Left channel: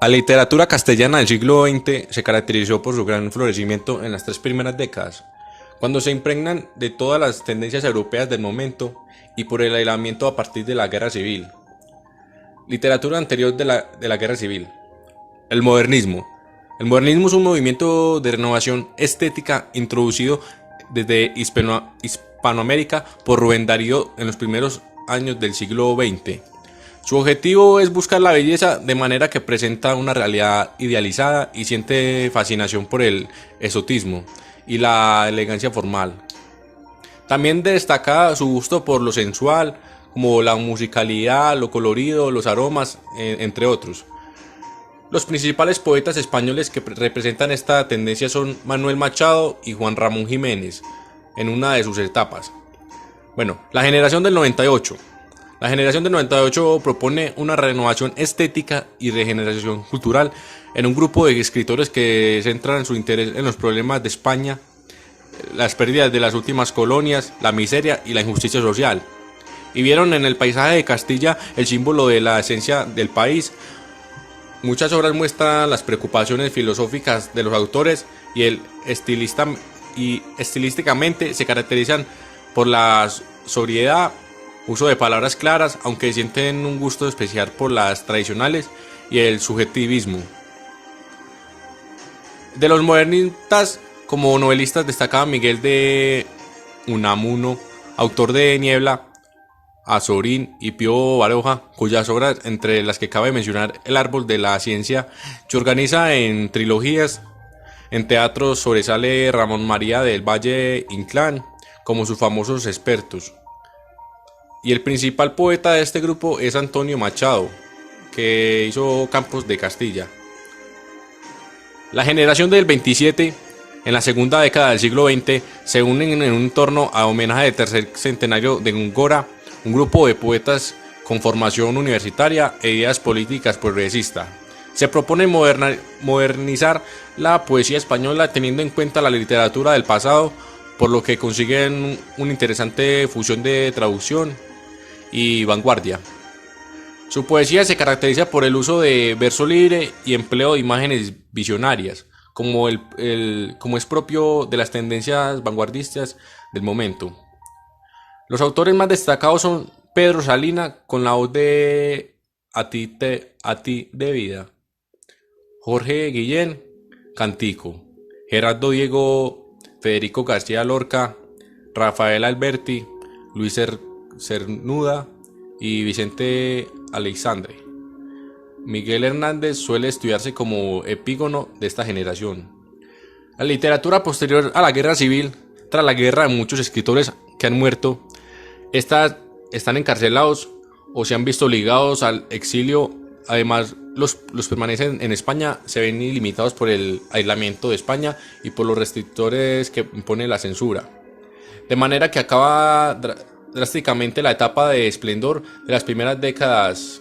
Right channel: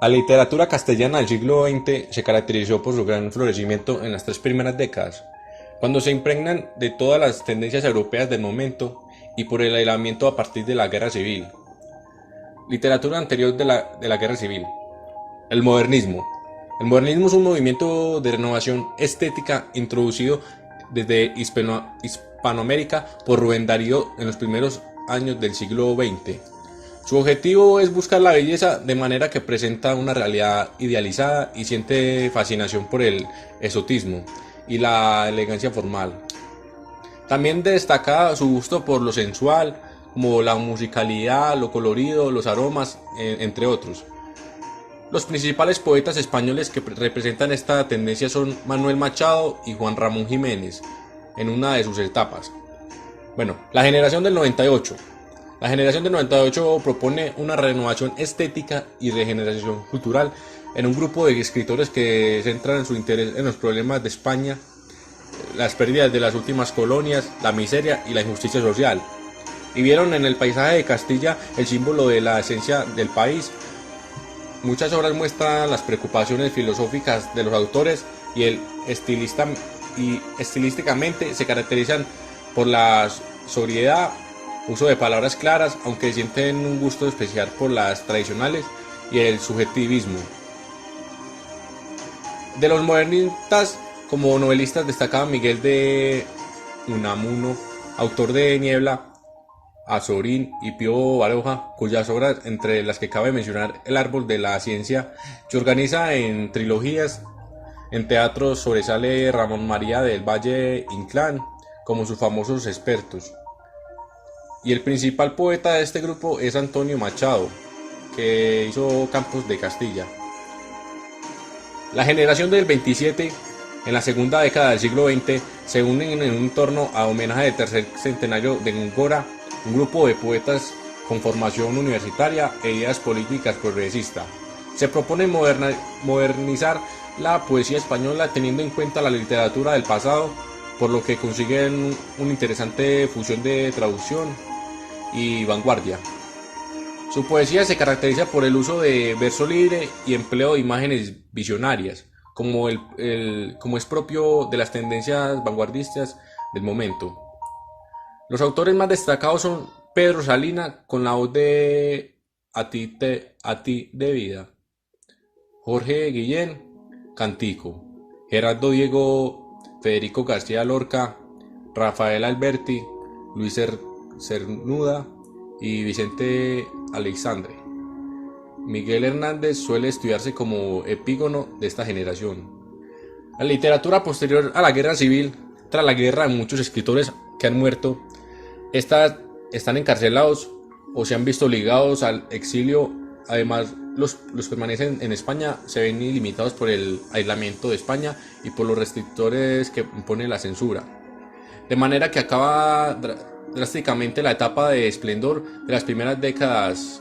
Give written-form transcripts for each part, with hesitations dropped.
La literatura castellana del siglo XX se caracterizó por su gran florecimiento en las tres primeras décadas, cuando se impregnan de todas las tendencias europeas del momento y por el aislamiento a partir de la Guerra Civil. Literatura anterior de la Guerra Civil. El modernismo. El modernismo es un movimiento de renovación estética introducido desde Hispanoamérica por Rubén Darío en los primeros años del siglo XX. Su objetivo es buscar la belleza de manera que presenta una realidad idealizada y siente fascinación por el exotismo y la elegancia formal. También destaca su gusto por lo sensual, como la musicalidad, lo colorido, los aromas, entre otros. Los principales poetas españoles que representan esta tendencia son Manuel Machado y Juan Ramón Jiménez, en una de sus etapas. Bueno, la generación del 98. La generación del 98 propone una renovación estética y regeneración cultural en un grupo de escritores que centran su interés en los problemas de España, las pérdidas de las últimas colonias, la miseria y la injusticia social. Y vieron en el paisaje de Castilla el símbolo de la esencia del país. Muchas obras muestran las preocupaciones filosóficas de los autores y estilísticamente se caracterizan por la sobriedad, uso de palabras claras, aunque sienten un gusto especial por las tradicionales y el subjetivismo. De los modernistas, como novelistas destacaba Miguel de Unamuno, autor de Niebla, Azorín y Pío Baroja, cuyas obras, entre las que cabe mencionar El árbol de la ciencia, se organiza en trilogías. En teatro sobresale Ramón María del Valle Inclán como sus famosos expertos. Y el principal poeta de este grupo es Antonio Machado, que hizo Campos de Castilla. La generación del 27, en la segunda década del siglo XX, se unen en un torno a homenaje del tercer centenario de Góngora, un grupo de poetas con formación universitaria e ideas políticas progresistas. Se propone modernizar la poesía española teniendo en cuenta la literatura del pasado, por lo que consiguen una interesante fusión de traducción y vanguardia. Su poesía se caracteriza por el uso de verso libre y empleo de imágenes visionarias, como es propio de las tendencias vanguardistas del momento. Los autores más destacados son Pedro Salina con la voz de A ti de vida, Jorge Guillén, Cantico, Gerardo Diego, Federico García Lorca, Rafael Alberti, Luis Cernuda y Vicente Aleixandre. Miguel Hernández suele estudiarse como epígono de esta generación. La literatura posterior a la guerra civil, tras la guerra, muchos escritores que han muerto, están encarcelados o se han visto ligados al exilio. Además, los permanecen en España se ven limitados por el aislamiento de España y por los restrictores que impone la censura. De manera que acaba drásticamente la etapa de esplendor de las primeras décadas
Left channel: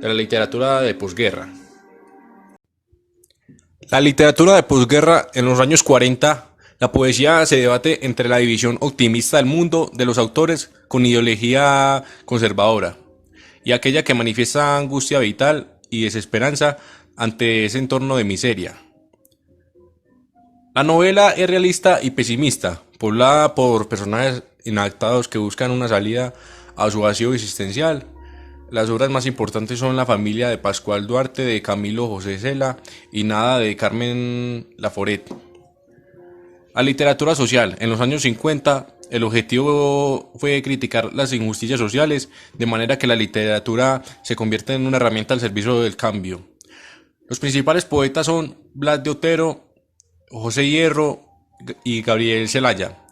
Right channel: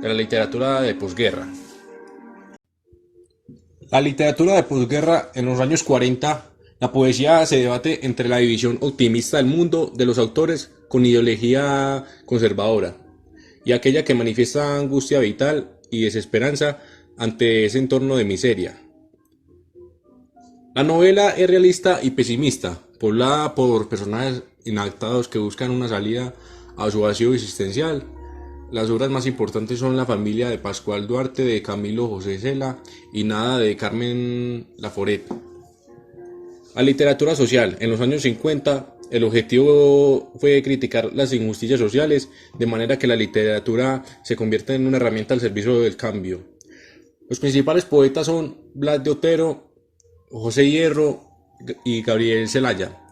de la literatura de posguerra. La literatura de posguerra en los años 40, la poesía se debate entre la división optimista del mundo de los autores con ideología conservadora y aquella que manifiesta angustia vital y desesperanza ante ese entorno de miseria. La novela es realista y pesimista, poblada por personajes inadaptados que buscan una salida a su vacío existencial. Las obras más importantes son La familia de Pascual Duarte de Camilo José Cela y Nada de Carmen Laforet. La literatura social. En los años 50, el objetivo fue criticar las injusticias sociales, de manera que la literatura se convierte en una herramienta al servicio del cambio. Los principales poetas son Blas de Otero, José Hierro y Gabriel Celaya.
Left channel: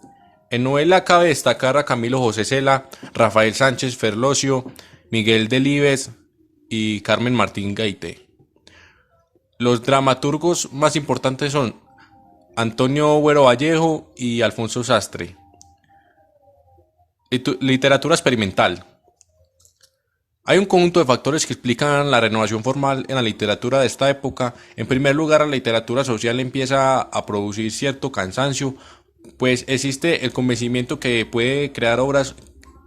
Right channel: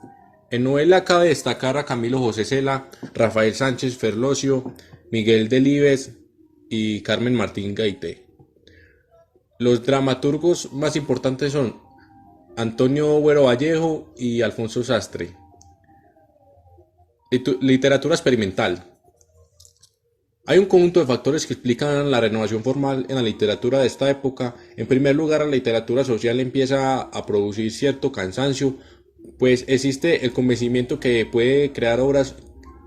En novela cabe destacar a Camilo José Cela, Rafael Sánchez Ferlosio, Miguel Delibes y Carmen Martín Gaite. Los dramaturgos más importantes son Antonio Güero Vallejo y Alfonso Sastre. Literatura experimental. Hay un conjunto de factores que explican la renovación formal en la literatura de esta época. En primer lugar, la literatura social empieza a producir cierto cansancio, pues existe el convencimiento que puede crear obras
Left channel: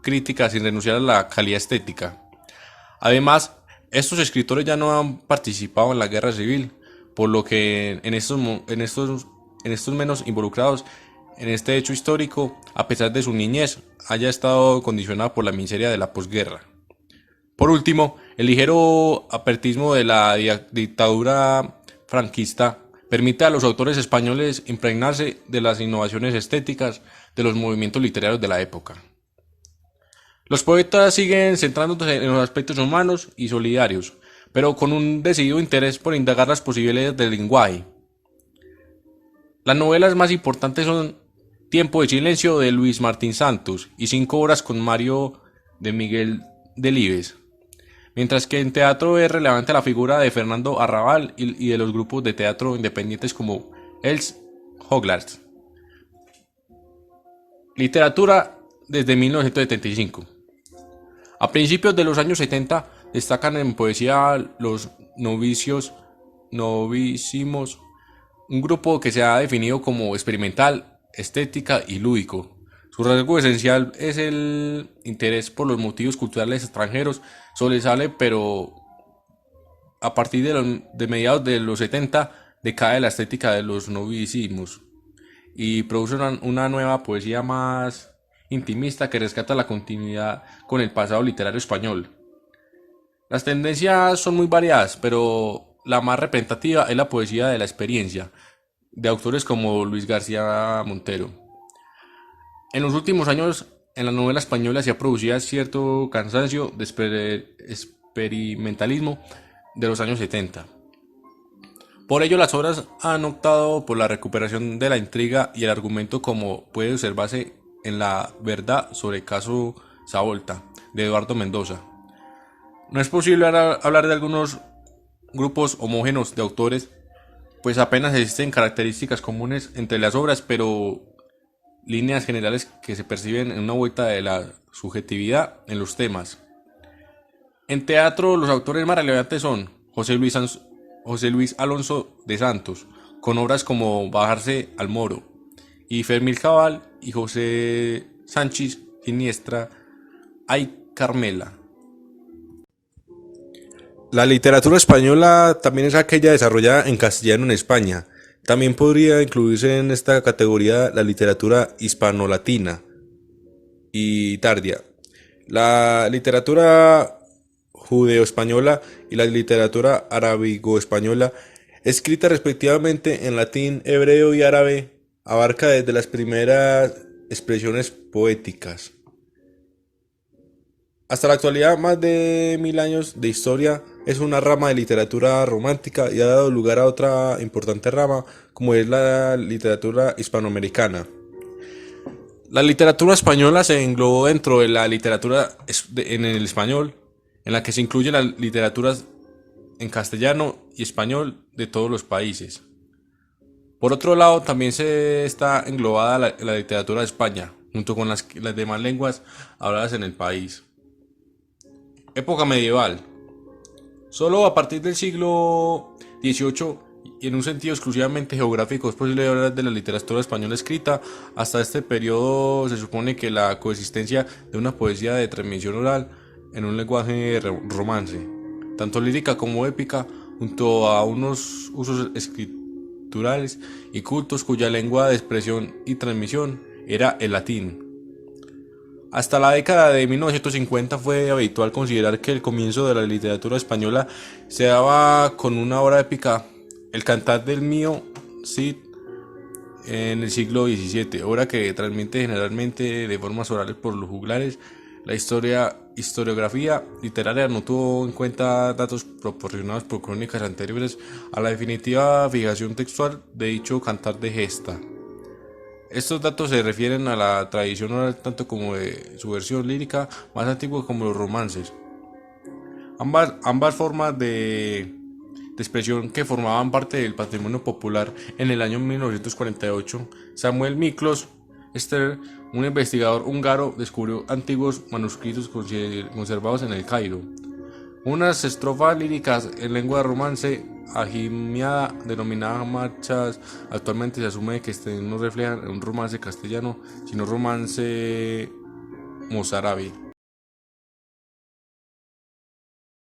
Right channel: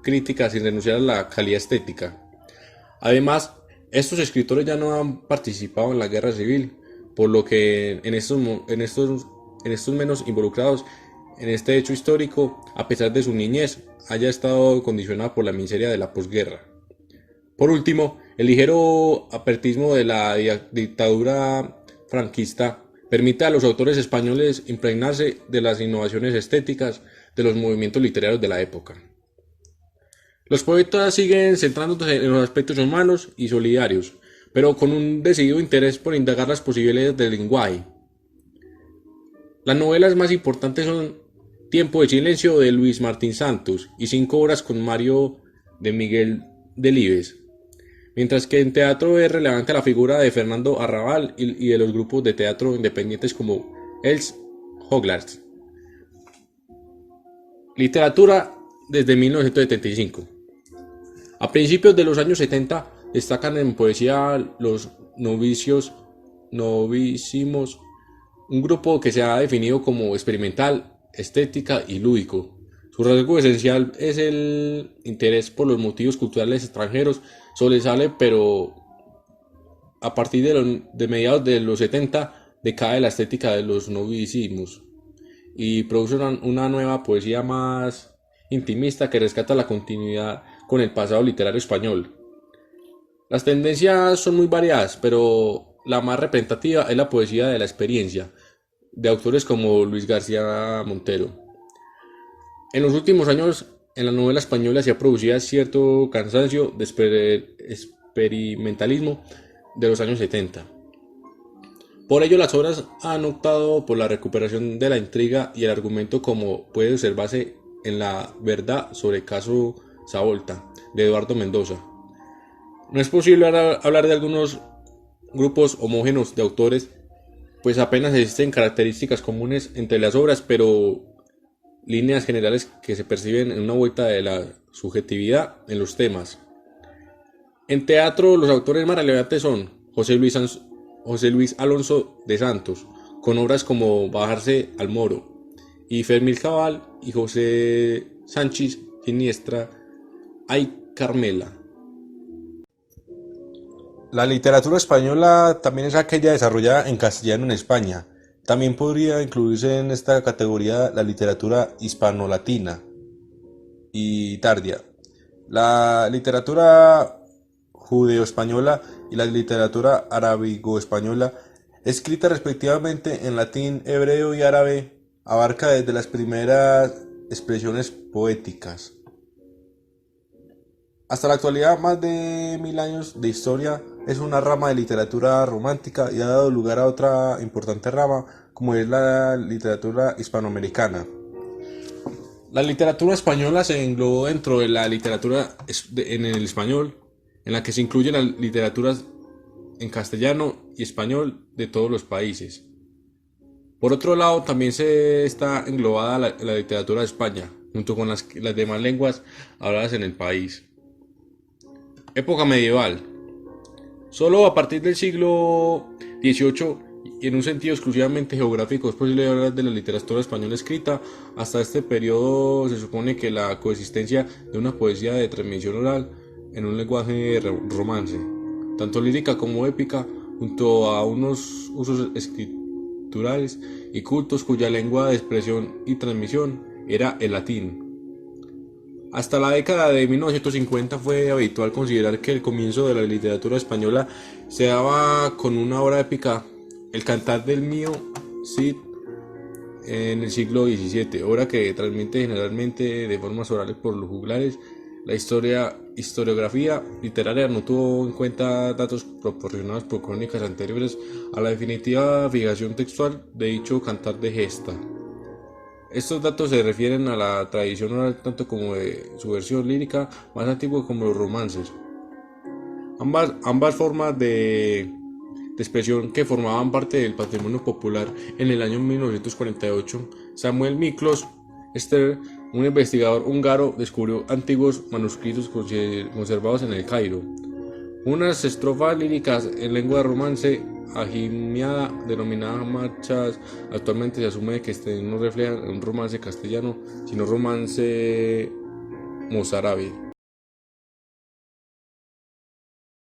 críticas sin renunciar a la calidad estética. Además, Estos escritores ya no han participado en la guerra civil, por lo que en estos menos involucrados en este hecho histórico, a pesar de su niñez, haya estado condicionada por la miseria de la posguerra. Por último, el ligero apertismo de la dictadura franquista permite a los autores españoles impregnarse de las innovaciones estéticas de los movimientos literarios de la época. Los poetas siguen centrándose en los aspectos humanos y solidarios, pero con un decidido interés por indagar las posibilidades del lenguaje. Las novelas más importantes son Tiempo de silencio de Luis Martín Santos y 5 horas con Mario de Miguel Delibes, mientras que en teatro es relevante la figura de Fernando Arrabal y de los grupos de teatro independientes como Els Joglars. Literatura desde 1975. A principios de los años 70 destacan en poesía los novísimos, un grupo que se ha definido como experimental, estética y lúdico. Su rasgo esencial es el interés por los motivos culturales extranjeros, sobresale, pero a partir de mediados de los 70 decae la estética de los novísimos y produce una nueva poesía más intimista que rescata la continuidad con el pasado literario español. Las tendencias son muy variadas, pero la más representativa es la poesía de la experiencia, de autores como Luis García Montero. En los últimos años, en la novela española se ha producido cierto cansancio de experimentalismo de los años 70. Por ello, las obras han optado por la recuperación de la intriga y el argumento, como puede observarse en La verdad sobre el caso Savolta, de Eduardo Mendoza. No es posible hablar de algunos grupos homogéneos de autores, pues apenas existen características comunes entre las obras, pero líneas generales que se perciben en una vuelta de la subjetividad en los temas. En teatro, los autores más relevantes son José Luis Alonso de Santos, con obras como Bajarse al Moro, y Fermín Cabal y José Sánchez Siniestra, Ay Carmela. La literatura española también es aquella desarrollada en castellano en España. También podría incluirse en esta categoría la literatura hispano-latina y tardía, la literatura judeo-española y la literatura arábigo-española, escrita respectivamente en latín, hebreo y árabe, abarca desde las primeras expresiones poéticas hasta la actualidad. Más de 1000 años de historia. Es una rama de literatura romántica y ha dado lugar a otra importante rama, como es la literatura hispanoamericana. La literatura española se englobó dentro de la literatura en el español, en la que se incluyen las literaturas en castellano y español de todos los países. Por otro lado, también se está englobada la literatura de España, junto con las demás lenguas habladas en el país. Época medieval. Solo a partir del siglo XVIII, y en un sentido exclusivamente geográfico, es posible hablar de la literatura española escrita. Hasta este periodo se supone que la coexistencia de una poesía de transmisión oral en un lenguaje romance, tanto lírica como épica, junto a unos usos escriturales y cultos cuya lengua de expresión y transmisión era el latín. Hasta la década de 1950 fue habitual considerar que el comienzo de la literatura española se daba con una obra épica, El Cantar del Mío Cid, en el siglo XVII, obra que transmite generalmente de formas orales por los juglares. La historiografía literaria no tuvo en cuenta datos proporcionados por crónicas anteriores a la definitiva fijación textual de dicho cantar de gesta. Estos datos se refieren a la tradición oral tanto como de su versión lírica más antigua como los romances. Ambas formas de expresión que formaban parte del patrimonio popular. En el año 1948, Samuel Miklos Ster, un investigador húngaro, descubrió antiguos manuscritos conservados en el Cairo. Unas estrofas líricas en lengua romance agimiada denominadas marchas. Actualmente se asume que no reflejan un romance castellano, sino romance mozárabe.